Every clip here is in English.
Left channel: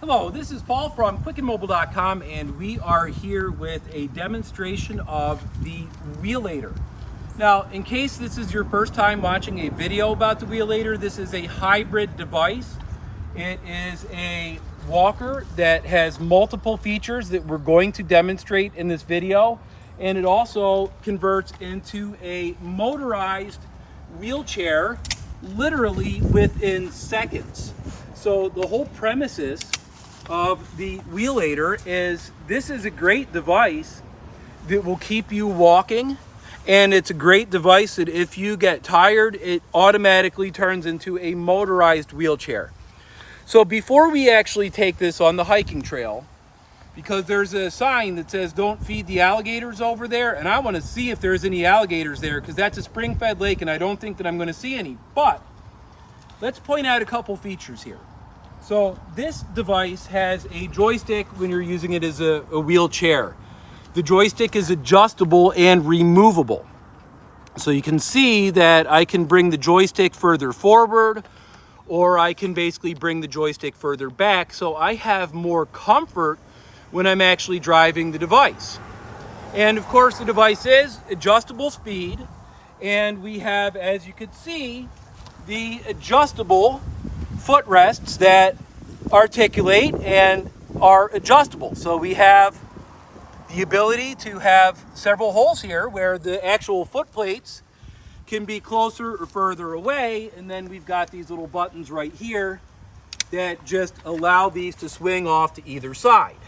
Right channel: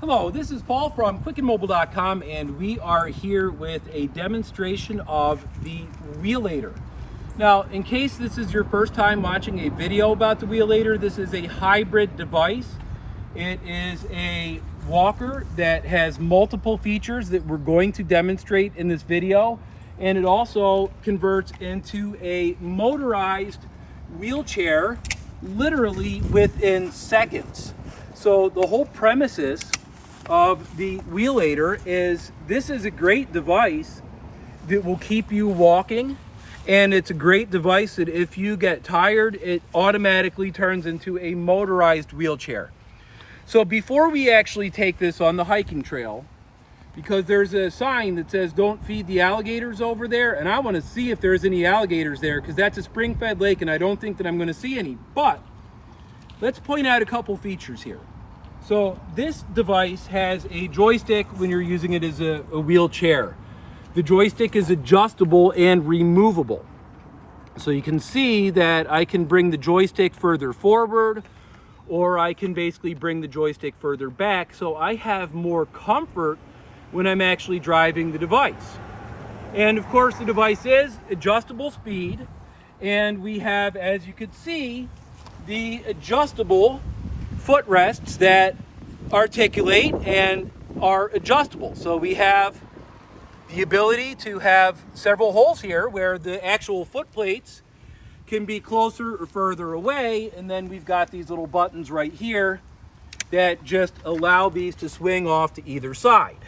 Hello, this is Paul from quickandmobile.com, and we are here with a demonstration of the Wheelator. Now, in case this is your first time watching a video about the Wheelator, this is a hybrid device. It is a walker that has multiple features that we're going to demonstrate in this video, and it also converts into a motorized wheelchair literally within seconds. So the whole premises of the Wheelator is this is a great device that will keep you walking, and it's a great device that if you get tired, it automatically turns into a motorized wheelchair. So before we actually take this on the hiking trail, because there's a sign that says don't feed the alligators over there, and I want to see if there's any alligators there because that's a spring-fed lake and I don't think that I'm going to see any. But let's point out a couple features here. So this device has a joystick when you're using it as a wheelchair. The joystick is adjustable and removable. So you can see that I can bring the joystick further forward, or I can basically bring the joystick further back, so I have more comfort when I'm actually driving the device. And of course the device is adjustable speed, and we have, as you can see, the adjustable footrests that articulate and are adjustable. So we have the ability to have several holes here where the actual foot plates can be closer or further away, and then we've got these little buttons right here that just allow these to swing off to either side.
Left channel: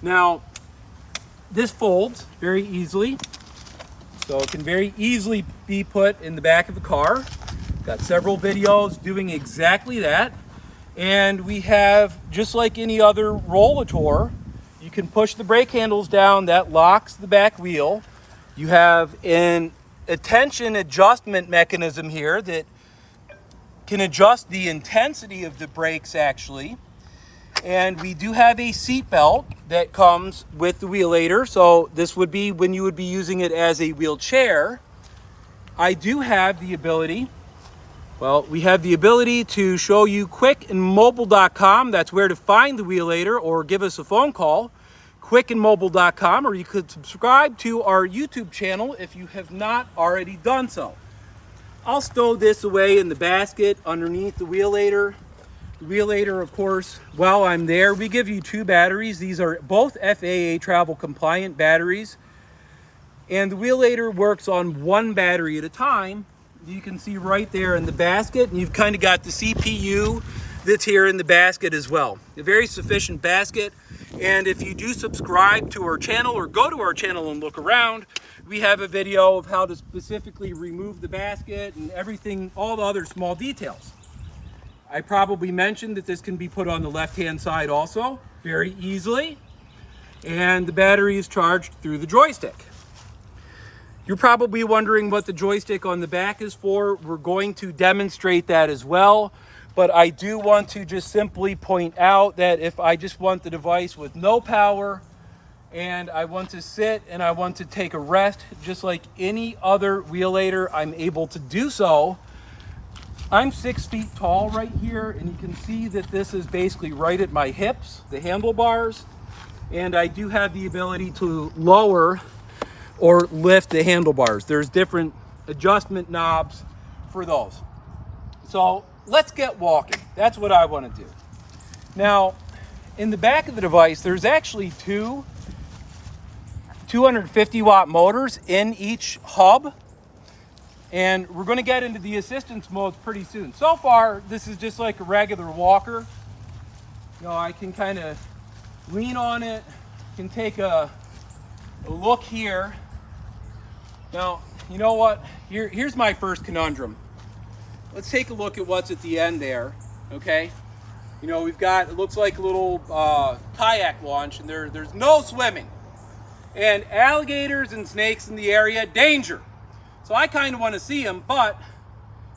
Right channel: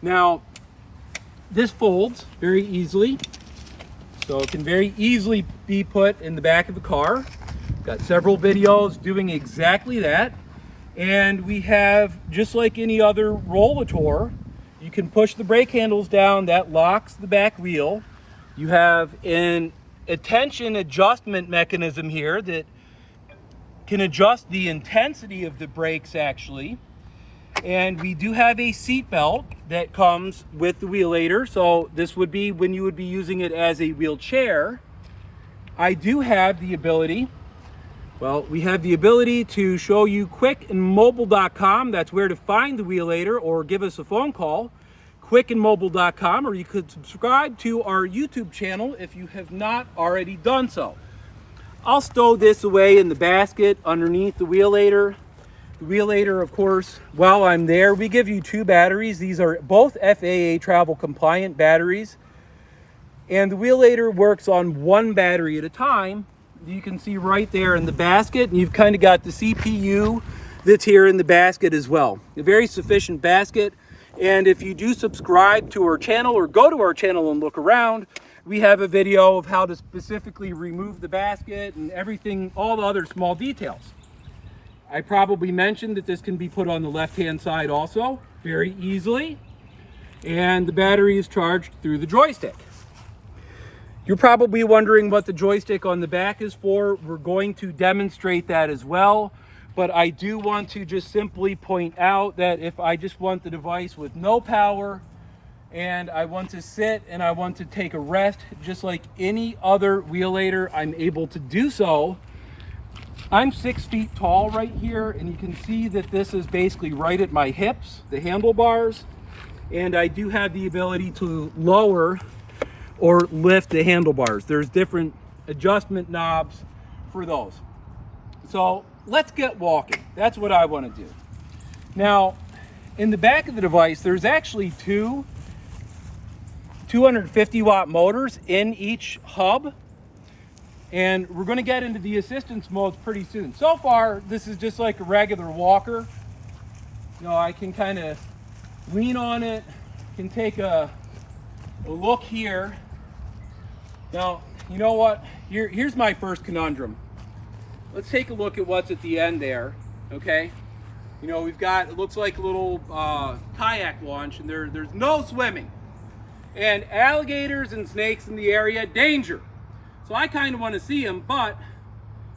Now this folds very easily, so it can very easily be put in the back of the car. Got several videos doing exactly that. And we have, just like any other Wheelator, you can push the brake handles down, that locks the back wheel. You have an attention adjustment mechanism here that can adjust the intensity of the brakes actually. And we do have a seat belt that comes with the Wheelator, so this would be when you would be using it as a wheelchair. I do have the ability, we have the ability to show you quickandmobile.com. That's where to find the Wheelator, or give us a phone call, quickandmobile.com, or you could subscribe to our YouTube channel if you have not already done so. I'll stow this away in the basket underneath the Wheelator. The Wheelator, of course, while I'm there, we give you 2 batteries. These are both FAA travel compliant batteries. And the Wheelator works on 1 battery at a time. You can see right there in the basket, and you've kind of got the CPU that's here in the basket as well. A very sufficient basket. And if you do subscribe to our channel or go to our channel and look around, we have a video of how to specifically remove the basket and everything, all the other small details. I probably mentioned that this can be put on the left-hand side also, very easily. And the battery is charged through the joystick. You're probably wondering what the joystick on the back is for. We're going to demonstrate that as well. But I do want to just simply point out that if I just want the device with no power, and I want to sit and I want to take a rest, just like any other Wheelator, I'm able to do so. I'm 6 feet tall right here, and you can see that this is basically right at my hips, the handlebars, and I do have the ability to lower or lift the handlebars. There's different adjustment knobs for those. So let's get walking. That's what I want to do. Now, in the back of the device, there's actually 2 250 watt motors in each hub. And we're going to get into the assistance mode pretty soon. So far, this is just like a regular walker. You know, I can kind of lean on it, can take a look here. Now, you know what? Here's my first conundrum. Let's take a look at what's at the end there, okay? You know, we've got, it looks like a little kayak launch, and there's no swimming. And alligators and snakes in the area, danger. So I kind of want to see them, but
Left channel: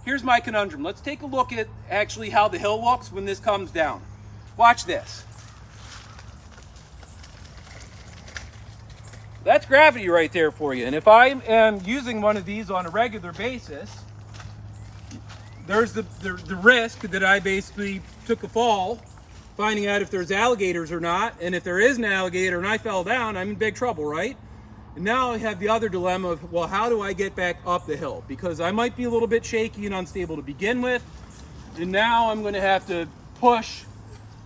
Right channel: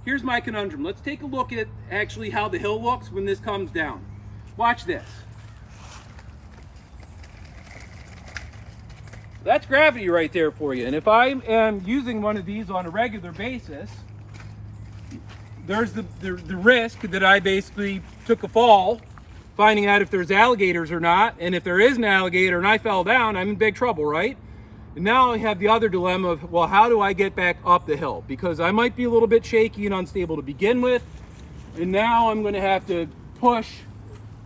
here's my conundrum. Let's take a look at actually how the hill looks when this comes down. Watch this. That's gravity right there for you. And if I am using one of these on a regular basis, there's the risk that I basically took a fall finding out if there's alligators or not. And if there is an alligator and I fell down, I'm in big trouble, right? And now I have the other dilemma of, well, how do I get back up the hill? Because I might be a little bit shaky and unstable to begin with. And now I'm going to have to push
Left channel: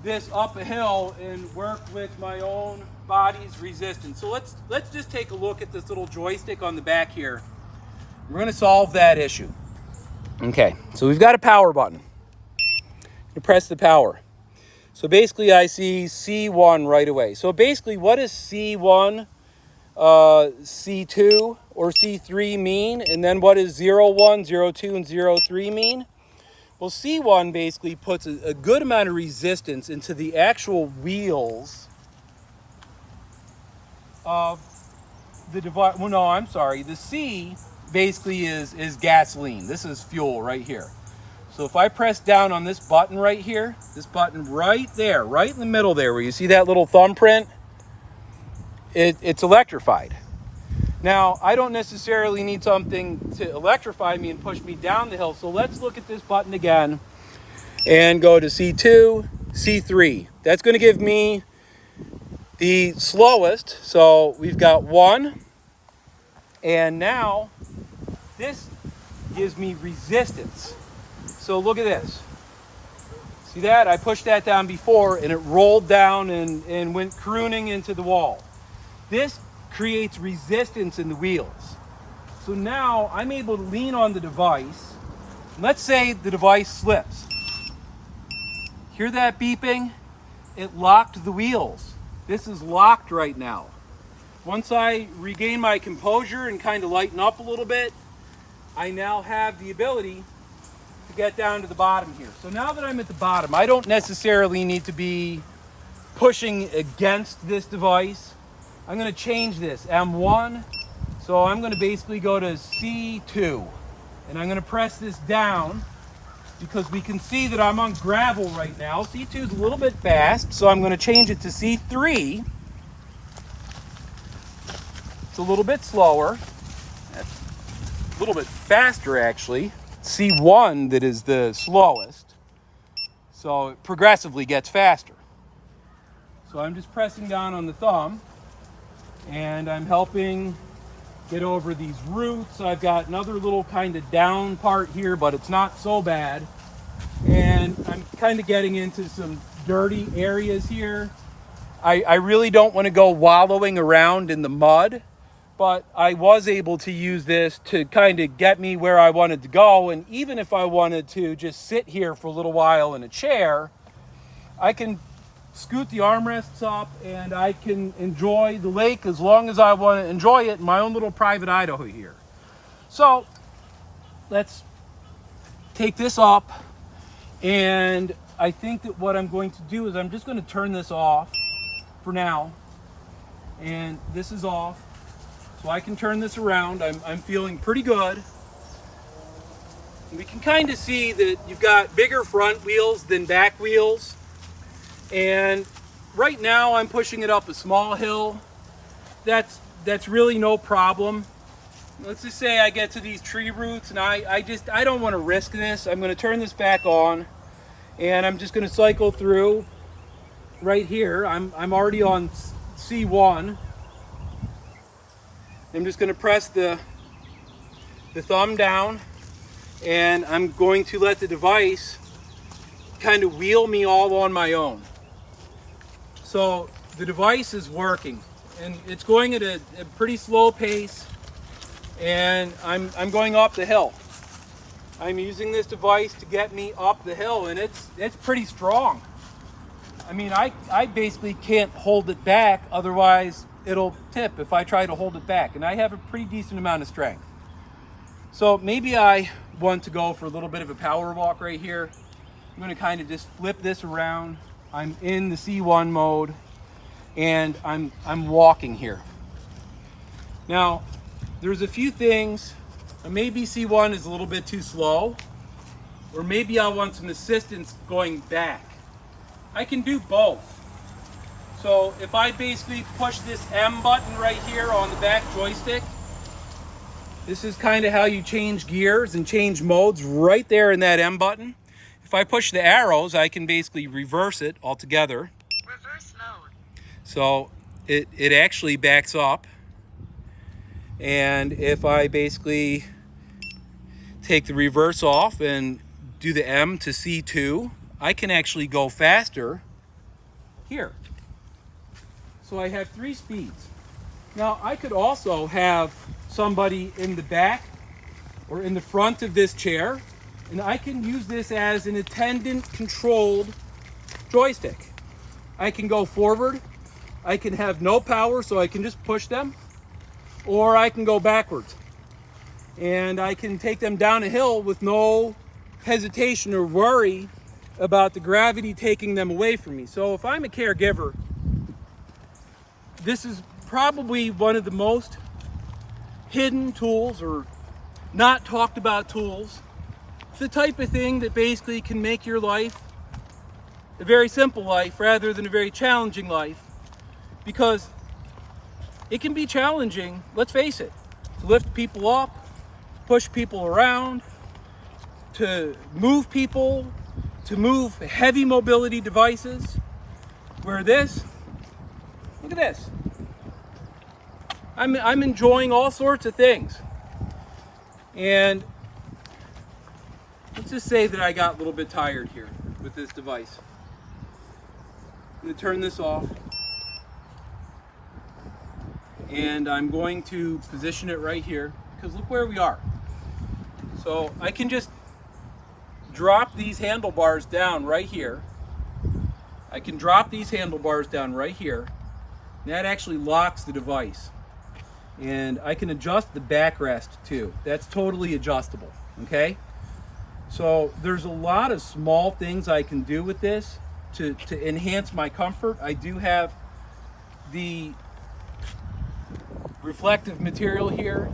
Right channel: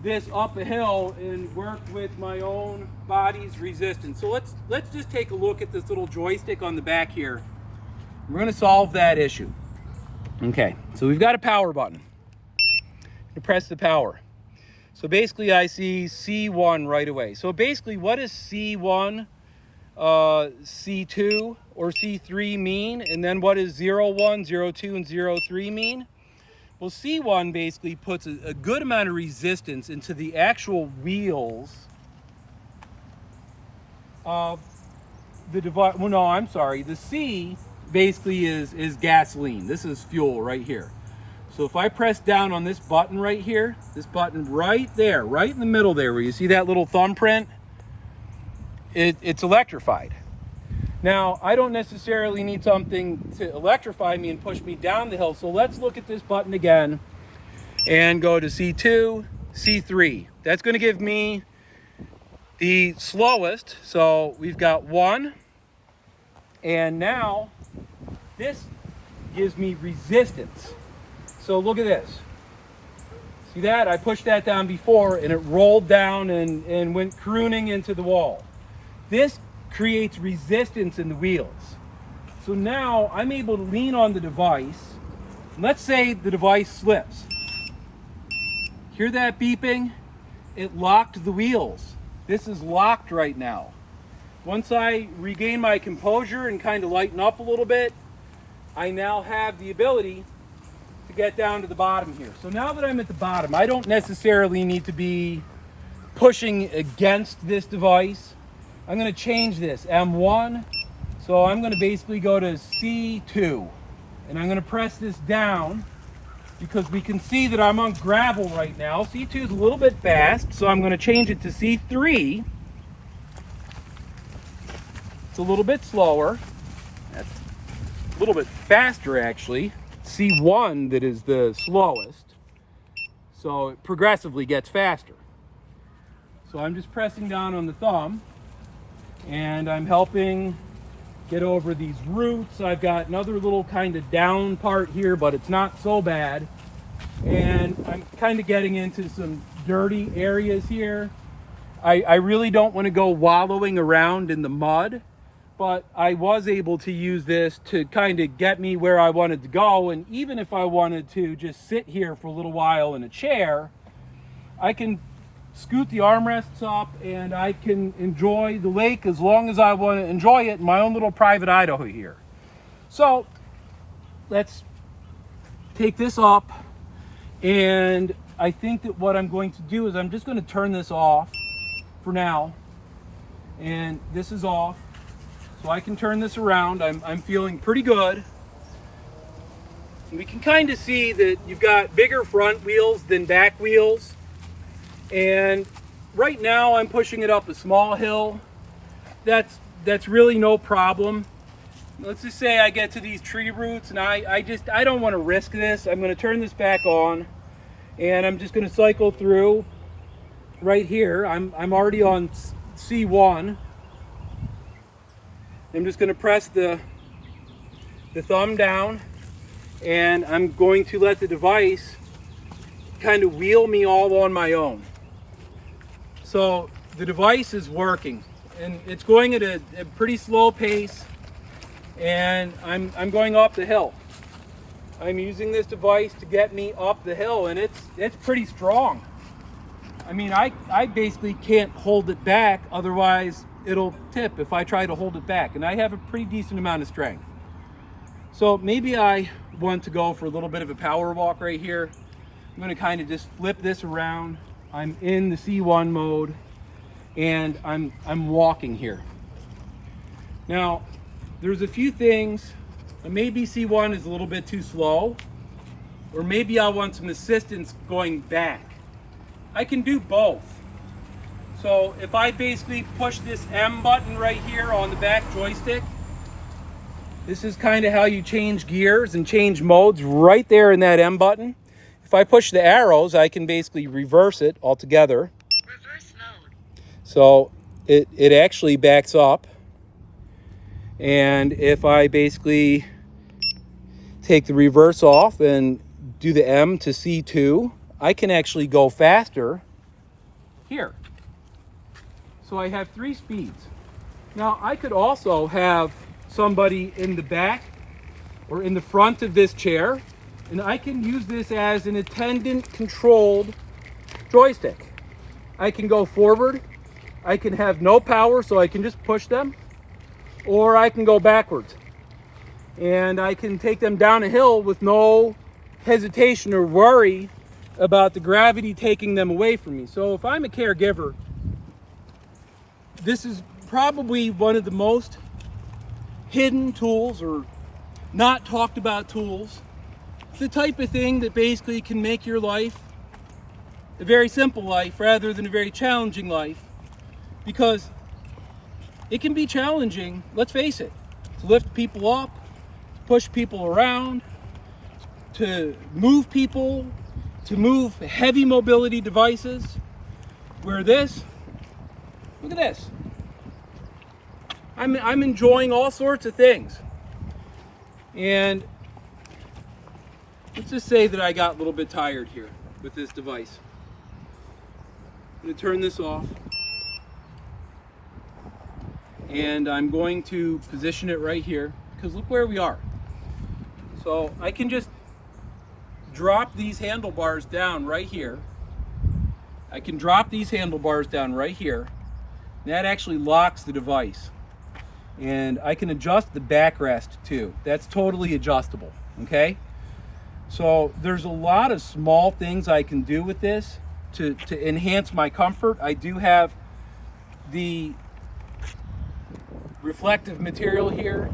this up a hill and work with my own body's resistance. So let's just take a look at this little joystick on the back here. We're going to solve that issue. Okay, so we've got a power button. You press the power. So basically I see C1 right away. So basically what does C1, C2 or C3 mean? And then what does 01, 02, and 03 mean? Well, C1 basically puts a good amount of resistance into the actual wheels of the device. Well, no, I'm sorry. The C basically is gasoline. This is fuel right here. So if I press down on this button right here, this button right there, right in the middle there, where you see that little thumbprint, it's electrified. Now, I don't necessarily need something to electrify me and push me down the hill. So let's look at this button again and go to C2, C3. That's going to give me the slowest. So we've got 1. And now this gives me resistance. So look at this. See that? I pushed that down before and it rolled down and went crooning into the wall. This creates resistance in the wheels. So now I'm able to lean on the device. Let's say the device slips. Hear that beeping? It locked the wheels. This is locked right now. Once I regain my composure and kind of lighten up a little bit, I now have the ability to get down to the bottom here. So now that I'm at the bottom, I don't necessarily need to be pushing against this device. I'm going to change this, M1. So I'm going to basically go to C2. And I'm going to press this down because we can see that I'm on gravel right now. C2 is a little bit fast, so I'm going to change it to C3. It's a little bit slower. That's a little bit faster, actually. C1 that is the slowest. So it progressively gets faster. So I'm just pressing down on the thumb. And I'm helping get over these roots. I've got another little kind of down part here, but it's not so bad. And I'm kind of getting into some dirty areas here. I really don't want to go wallowing around in the mud, but I was able to use this to kind of get me where I wanted to go. And even if I wanted to just sit here for a little while in a chair, I can scoot the armrests up and I can enjoy the lake as long as I want to enjoy it in my own little private Idaho here. So let's take this up, and I think that what I'm going to do is I'm just going to turn this off for now, and this is off, so I can turn this around. I'm feeling pretty good. We can kind of see that you've got bigger front wheels than back wheels. And right now I'm pushing it up a small hill. That's really no problem. Let's just say I get to these tree roots and I don't want to risk this. I'm going to turn this back on and I'm just going to cycle through right here. I'm already on C1. I'm just going to press the thumb down and I'm going to let the device kind of wheel me all on my own. So the device is working and it's going at a pretty slow pace, and I'm going up the hill. I'm using this device to get me up the hill, and it's pretty strong. I mean, I basically can't hold it back, otherwise it'll tip if I try to hold it back, and I have a pretty decent amount of strength. So maybe I want to go for a little bit of a power walk right here. I'm going to kind of just flip this around. I'm in the C1 mode and I'm walking here. Now, there's a few things. Maybe C1 is a little bit too slow, or maybe I want some assistance going back. I can do both. So if I basically push this M button right here on the back joystick, this is kind of how you change gears and change modes right there in that M button. If if I push the arrows, I can basically reverse it altogether. Reverse mode. So it actually backs up. And if I basically take the reverse off and do the M to C2, I can actually go faster here. So I have 3 speeds. Now I could also have somebody in the back or in the front of this chair, and I can use this as an attendant controlled joystick. I can go forward, I can have no power so I can just push them, or I can go backwards. And I can take them down a hill with no hesitation or worry about the gravity taking them away from me. So if I'm a caregiver, this is probably one of the most hidden tools or not talked about tools. It's the type of thing that basically can make your life a very simple life rather than a very challenging life, because it can be challenging, let's face it, to lift people up, push people around, to move people, to move heavy mobility devices, where this, look at this. I'm enjoying all sorts of things. And let's just say that I got a little bit tired here with this device. I'm going to turn this off. And I'm going to position it right here, because look where we are. So I can just drop these handlebars down right here. I can drop these handlebars down right here. That actually locks the device. And I can adjust the backrest too. That's totally adjustable, okay? So there's a lot of small things I can do with this to enhance my comfort. I do have the reflective material here,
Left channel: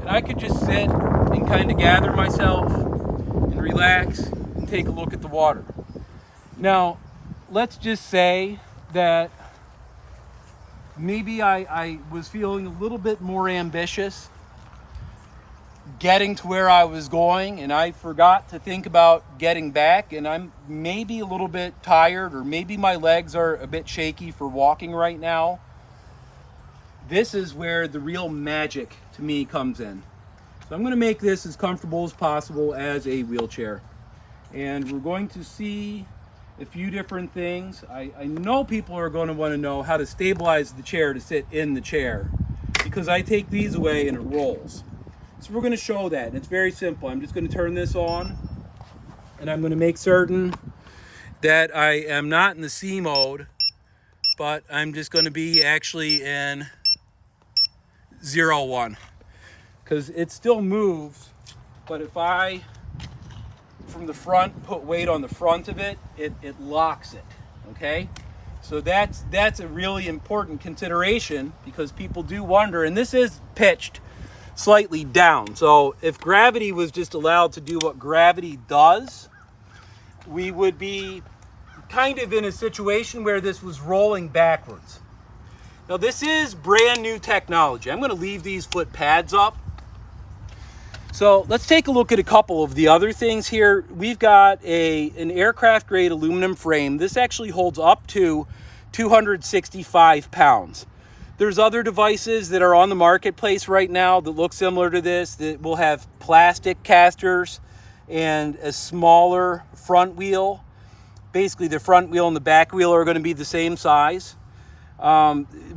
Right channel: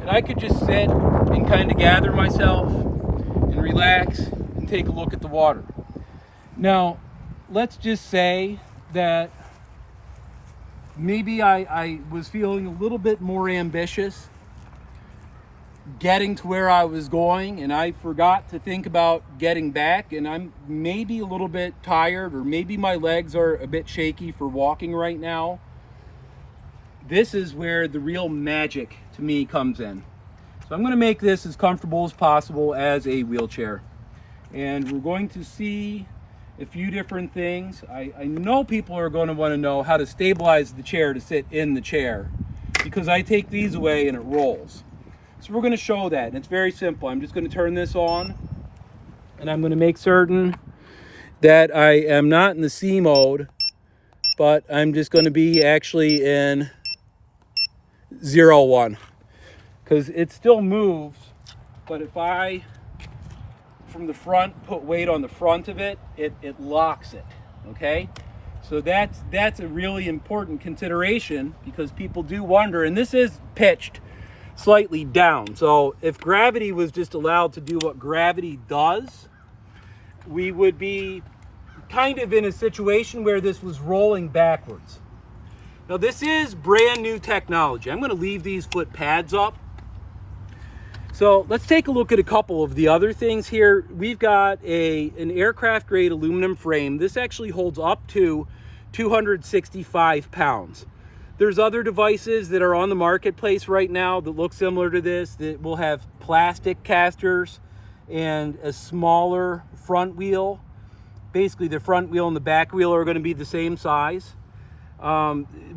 and I could just sit and kind of gather myself and relax and take a look at the water. Now, let's just say that maybe I was feeling a little bit more ambitious getting to where I was going, and I forgot to think about getting back, and I'm maybe a little bit tired, or maybe my legs are a bit shaky for walking right now. This is where the real magic to me comes in. So I'm going to make this as comfortable as possible as a wheelchair. And we're going to see a few different things. I know people are going to want to know how to stabilize the chair to sit in the chair, because I take these away and it rolls. So we're going to show that. And it's very simple. I'm just going to turn this on, and I'm going to make certain that I am not in the C mode, but I'm just going to be actually in 0-1, because it still moves, but if I from the front put weight on the front of it, it locks it, okay? So that's a really important consideration, because people do wonder, and this is pitched slightly down. So if gravity was just allowed to do what gravity does, we would be kind of in a situation where this was rolling backwards. Now this is brand new technology. I'm going to leave these foot pads up. So let's take a look at a couple of the other things here. We've got an aircraft grade aluminum frame. This actually holds up to 265 pounds. There's other devices that are on the marketplace right now that look similar to this, that will have plastic casters and a smaller front wheel. Basically the front wheel and the back wheel are going to be the same size.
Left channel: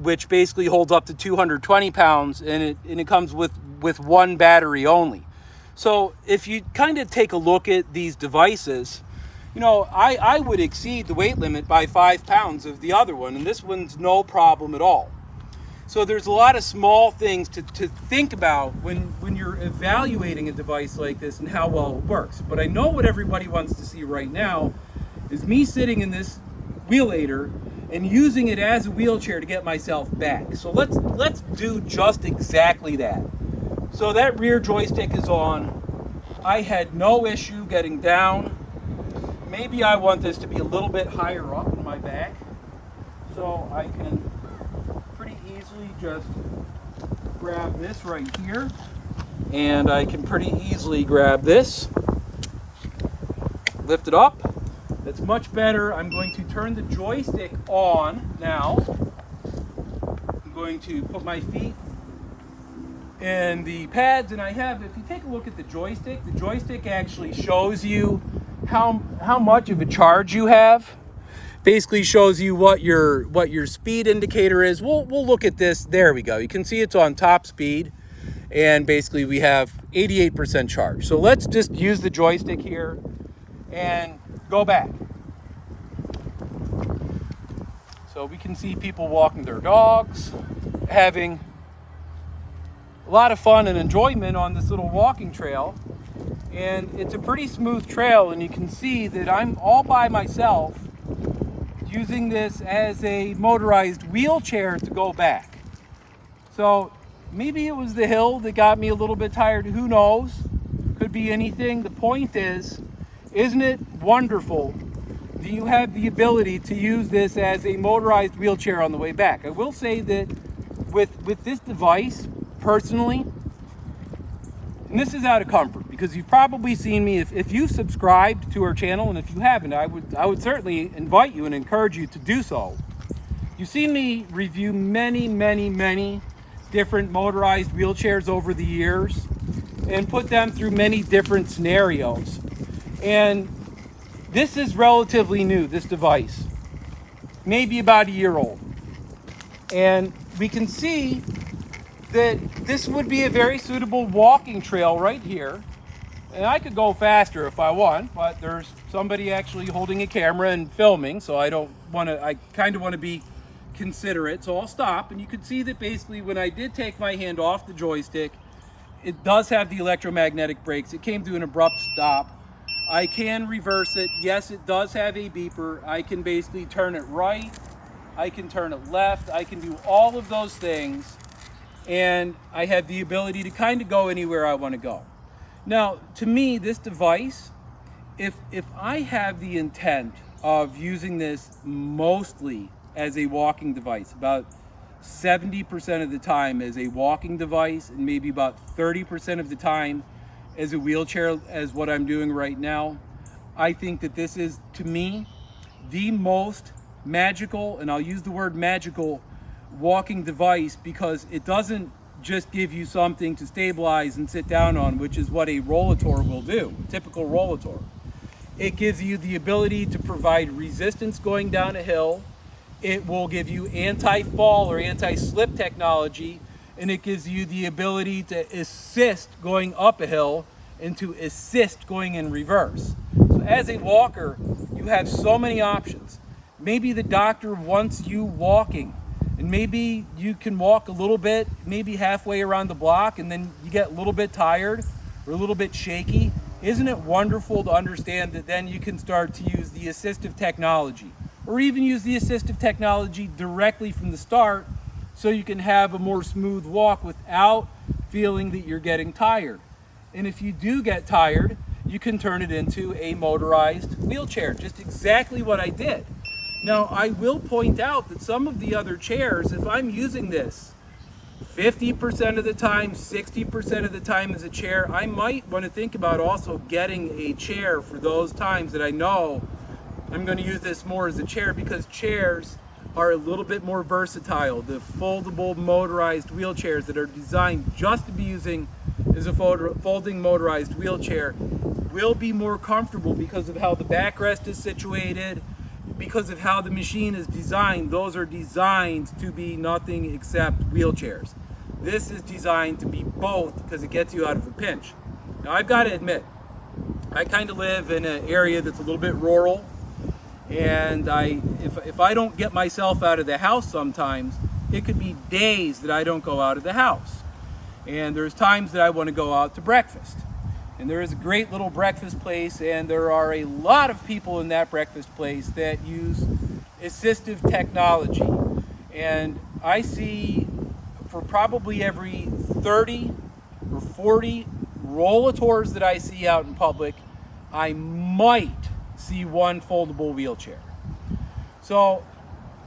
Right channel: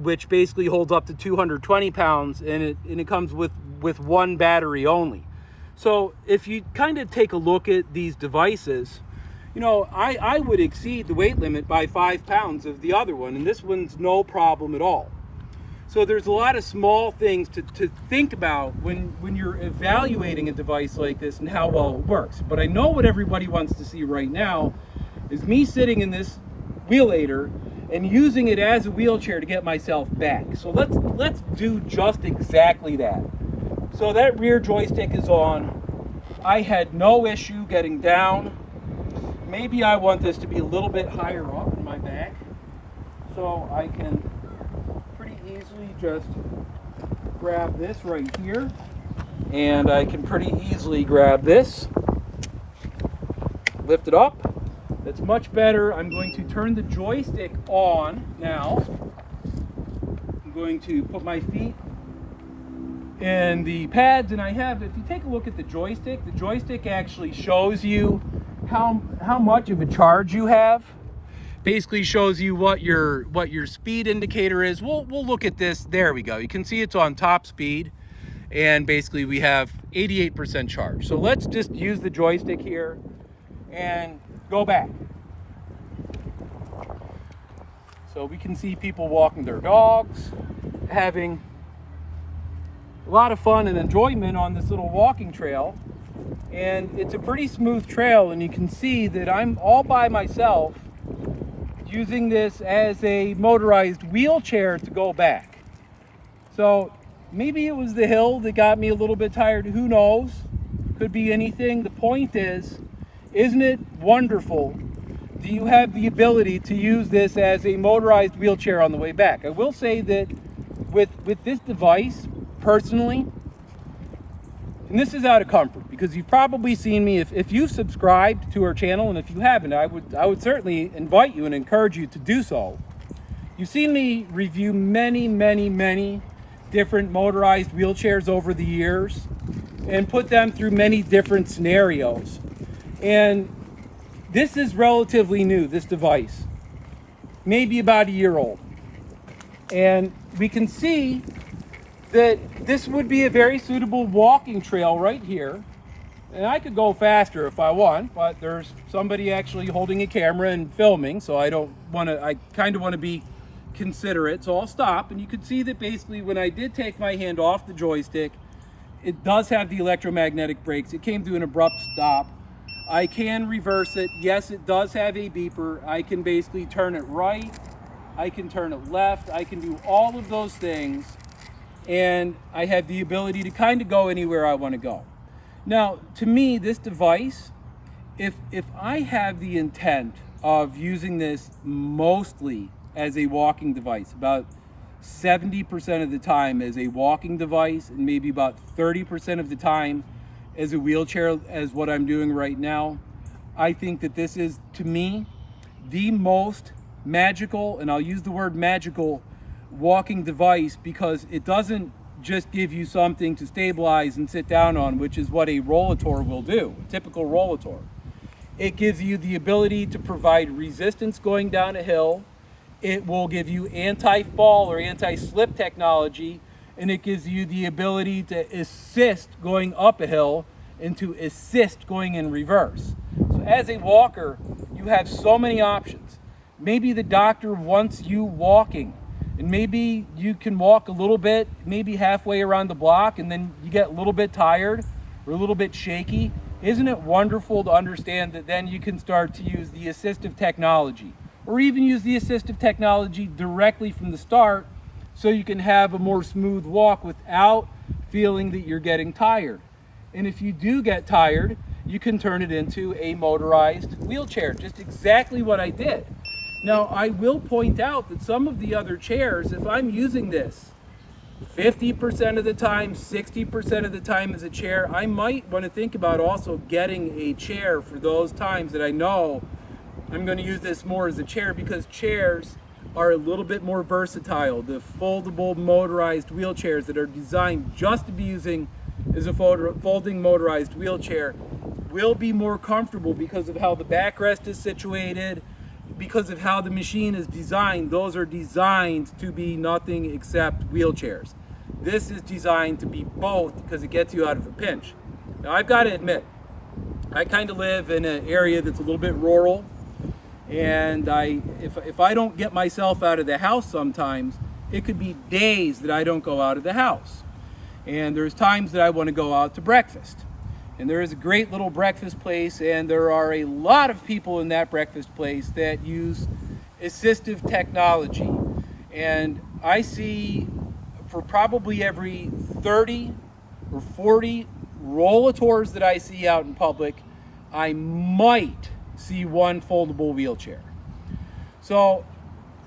Which basically holds up to 220 pounds, and it comes with one battery only. So if you kind of take a look at these devices, you know, I would exceed the weight limit by 5 pounds of the other one, and this one's no problem at all. So there's a lot of small things to think about when you're evaluating a device like this and how well it works. But I know what everybody wants to see right now is me sitting in this Wheelator and using it as a wheelchair to get myself back. So let's do just exactly that. So that rear joystick is on. I had no issue getting down. Maybe I want this to be a little bit higher up in my back, so I can pretty easily just grab this right here, and I can pretty easily grab this lift it up. That's much better. I'm going to turn the joystick on now. I'm going to put my feet in the pads, and I have, if you take a look at the joystick actually shows you how much of a charge you have. Basically shows you what your speed indicator is. We'll look at this. There we go. You can see it's on top speed, and basically we have 88% charge. So let's just use the joystick here and go back. So we can see people walking their dogs, having a lot of fun and enjoyment on this little walking trail. And it's a pretty smooth trail, and you can see that I'm all by myself using this as a motorized wheelchair to go back. So maybe it was the hill that got me a little bit tired. Who knows? Could be anything. The point is, isn't it wonderful that you have the ability to use this as a motorized wheelchair on the way back? I will say that with this device, personally, and this is out of comfort, because you've probably seen me, if you've subscribed to our channel, and if you haven't, I would certainly invite you and encourage you to do so. You've seen me review many different motorized wheelchairs over the years and put them through many different scenarios. And this is relatively new, this device, maybe about a year old. And we can see that this would be a very suitable walking trail right here. And I could go faster if I want, but there's somebody actually holding a camera and filming, so I kind of want to be considerate, so I'll stop. And you can see that basically when I did take my hand off the joystick, it does have the electromagnetic brakes. It came to an abrupt stop. I can reverse it. Yes, it does have a beeper. I can basically turn it right, I can turn it left, I can do all of those things. And I have the ability to kind of go anywhere I want to go. Now, to me, this device, if I have the intent of using this mostly as a walking device, about 70% of the time as a walking device, and maybe about 30% of the time as a wheelchair, as what I'm doing right now, I think that this is, to me, the most magical, and I'll use the word magical, walking device, because it doesn't just give you something to stabilize and sit down on, which is what a Wheelator will do, a typical Wheelator. It gives you the ability to provide resistance going down a hill. It will give you anti-fall or anti-slip technology, and it gives you the ability to assist going up a hill and to assist going in reverse. So as a walker, you have so many options. Maybe the doctor wants you walking, and maybe you can walk a little bit, maybe halfway around the block, and then you get a little bit tired or a little bit shaky. Isn't it wonderful to understand that then you can start to use the assistive technology, or even use the assistive technology directly from the start, so you can have a more smooth walk without feeling that you're getting tired. And if you do get tired, you can turn it into a motorized wheelchair, just exactly what I did. Now, I will point out that some of the other chairs, if I'm using this 50% of the time, 60% of the time as a chair, I might want to think about also getting a chair for those times that I know I'm going to use this more as a chair, because chairs are a little bit more versatile. The foldable motorized wheelchairs that are designed just to be using as a folding motorized wheelchair will be more comfortable because of how the backrest is situated, because of how the machine is designed. Those are designed to be nothing except wheelchairs. This is designed to be both because it gets you out of a pinch. Now, I've got to admit, I kind of live in an area that's a little bit rural, and if I don't get myself out of the house sometimes, it could be days that I don't go out of the house. And there's times that I want to go out to breakfast. And there is a great little breakfast place, and there are a lot of people in that breakfast place that use assistive technology. And I see, for probably every 30 or 40 Wheelators that I see out in public, I might see one foldable wheelchair. So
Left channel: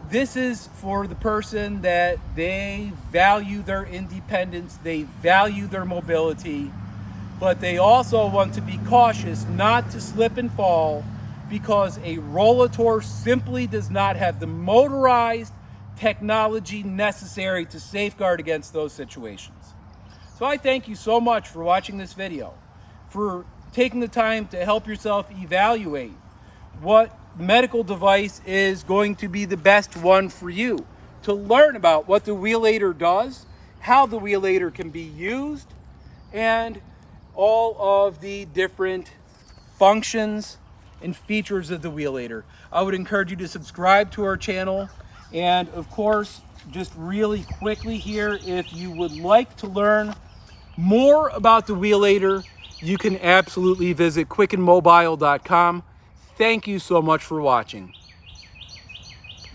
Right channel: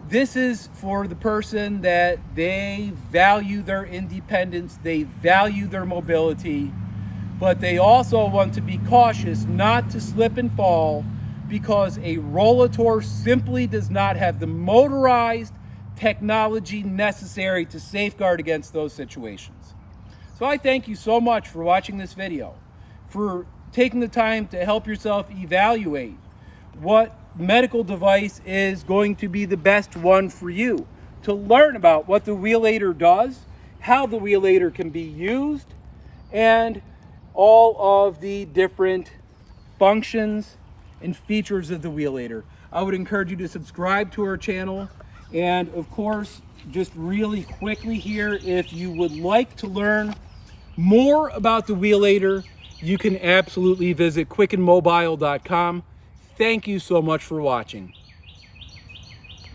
this is for the person that they value their independence, they value their mobility, but they also want to be cautious not to slip and fall because a Wheelator simply does not have the motorized technology necessary to safeguard against those situations. So I thank you so much for watching this video, for taking the time to help yourself evaluate what medical device is going to be the best one for you, to learn about what the Wheelator does, how the Wheelator can be used, and all of the different functions and features of the Wheelator. I would encourage you to subscribe to our channel, and of course, just really quickly here, if you would like to learn more about the Wheelator, you can absolutely visit quickenmobile.com. Thank you so much for watching.